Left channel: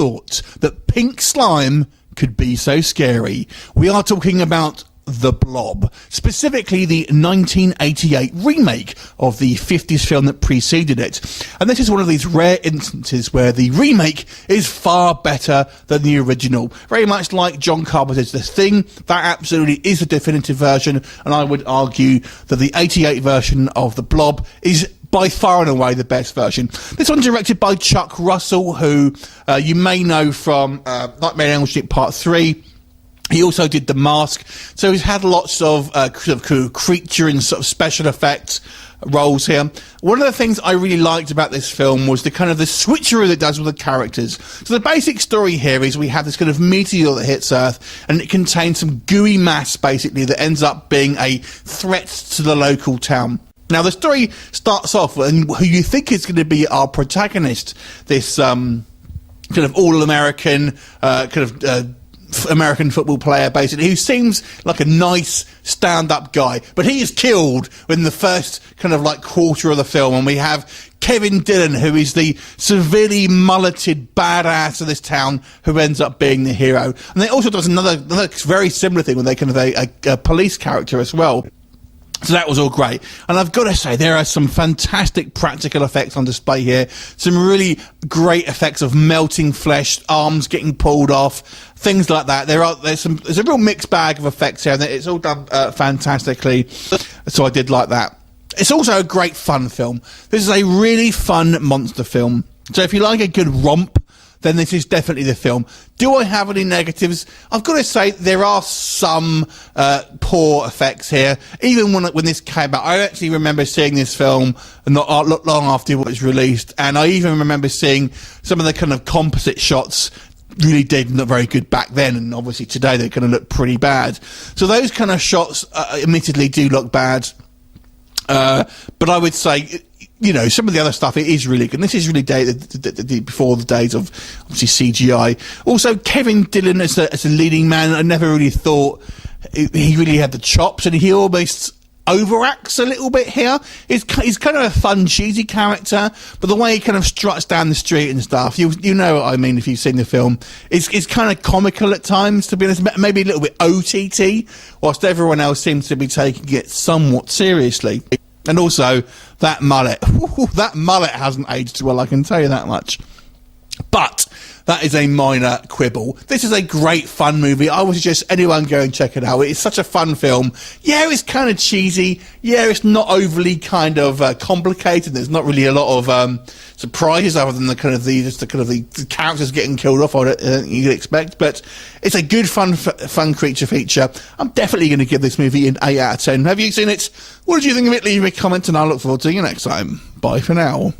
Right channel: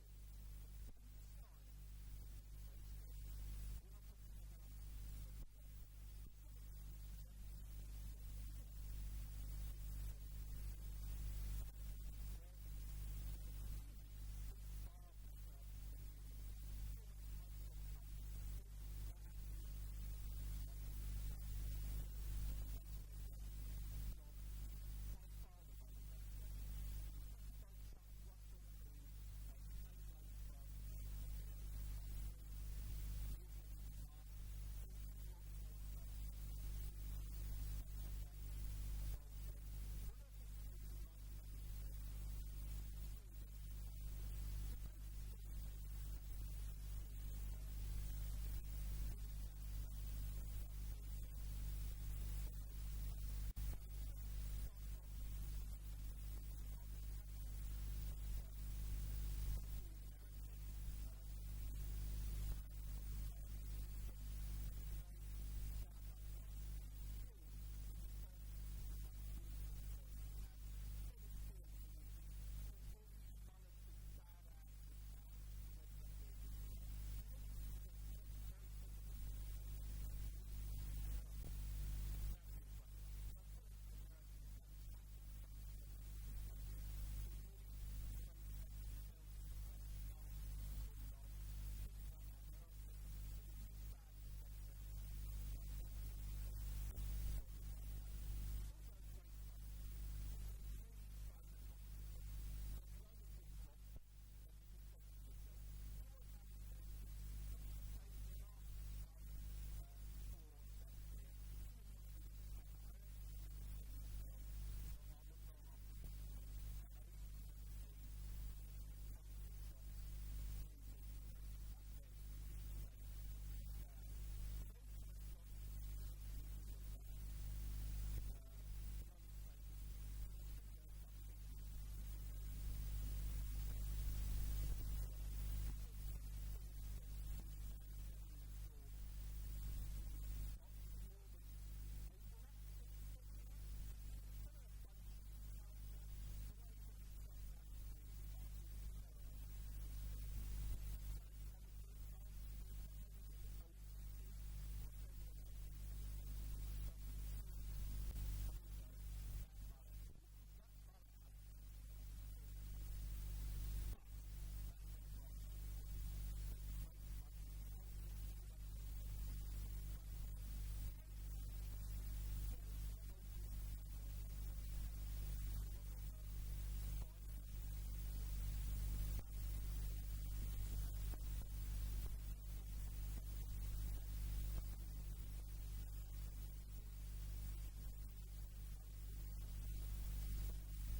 thought that pink slime could be so scary? We are talking about The Blob, specifically the 1988 remake of the 50s film that preceded it. And this is one of these rare instances where the remake is far better than the original. Very much like John Carpenter's The Thing, that absolutely is the definitive version, and I would argue that the 88 version of The Blob is by far and away the best version. This one's directed by Chuck Russell, who you may know from Nightmare on Elm Street Part 3. He also did The Mask, so he's had lots of creature and sort of special effects roles here. One of the things I really liked about this film was the kind of the switcheroo that it does with the characters. So the basic story here is we have this kind of meteor that hits Earth, and it contains some gooey mass, basically, that ends up being a threat to the local town. Now, the story starts off with who you think is going to be our protagonist, this kind of all-American American football player, basically, who seems like a nice stand-up guy, but he is killed in the first kind of like quarter of the film, and we have Kevin Dillon, who is the severely mulleted badass of this town, who ends up being the hero. And it also does another very similar thing with a kind of a police character as well. So that was all great. And I've got to say, there are some fantastic practical effects on display here. Some really great effects of melting flesh, arms getting pulled off, things like that. There's a real mixed bag of effects here, and it's all done fantastically. So I did like that. It's also a great fun film. This is a really fun monster film. So if you like a good romp, then this is definitely the film. Do I have any negatives? I've got to say there are some poor effects here. Even when this came out, I actually remember seeing this film not long after it was released, and I even remember seeing some of the kind of composite shots really did look very good back then, and obviously today they're going to look pretty bad. So those kind of shots admittedly do look bad, but I would say, you know, some of the other stuff, it is really good. And this is really before the days of, obviously, CGI. Also, Kevin Dillon as a leading man, I never really thought he really had the chops, and he almost overacts a little bit here. He's kind of a fun, cheesy character, but the way he kind of struts down the street and stuff, you know what I mean if you've seen the film, it's kind of comical at times, to be honest, maybe a little bit OTT, whilst everyone else seems to be taking it somewhat seriously. And also, that mullet hasn't aged well, I can tell you that much. But that is a minor quibble. This is a great fun movie. I would suggest anyone go and check it out. It's such a fun film. Yeah, it's kind of cheesy. Yeah, it's not overly kind of complicated. There's not really a lot of surprises other than the characters getting killed off, you'd expect. But it's a good fun creature feature. I'm definitely going to give this movie an 8 out of 10. Have you seen it? What did you think of it? Leave me a comment, and I'll look forward to you next time. Bye for now.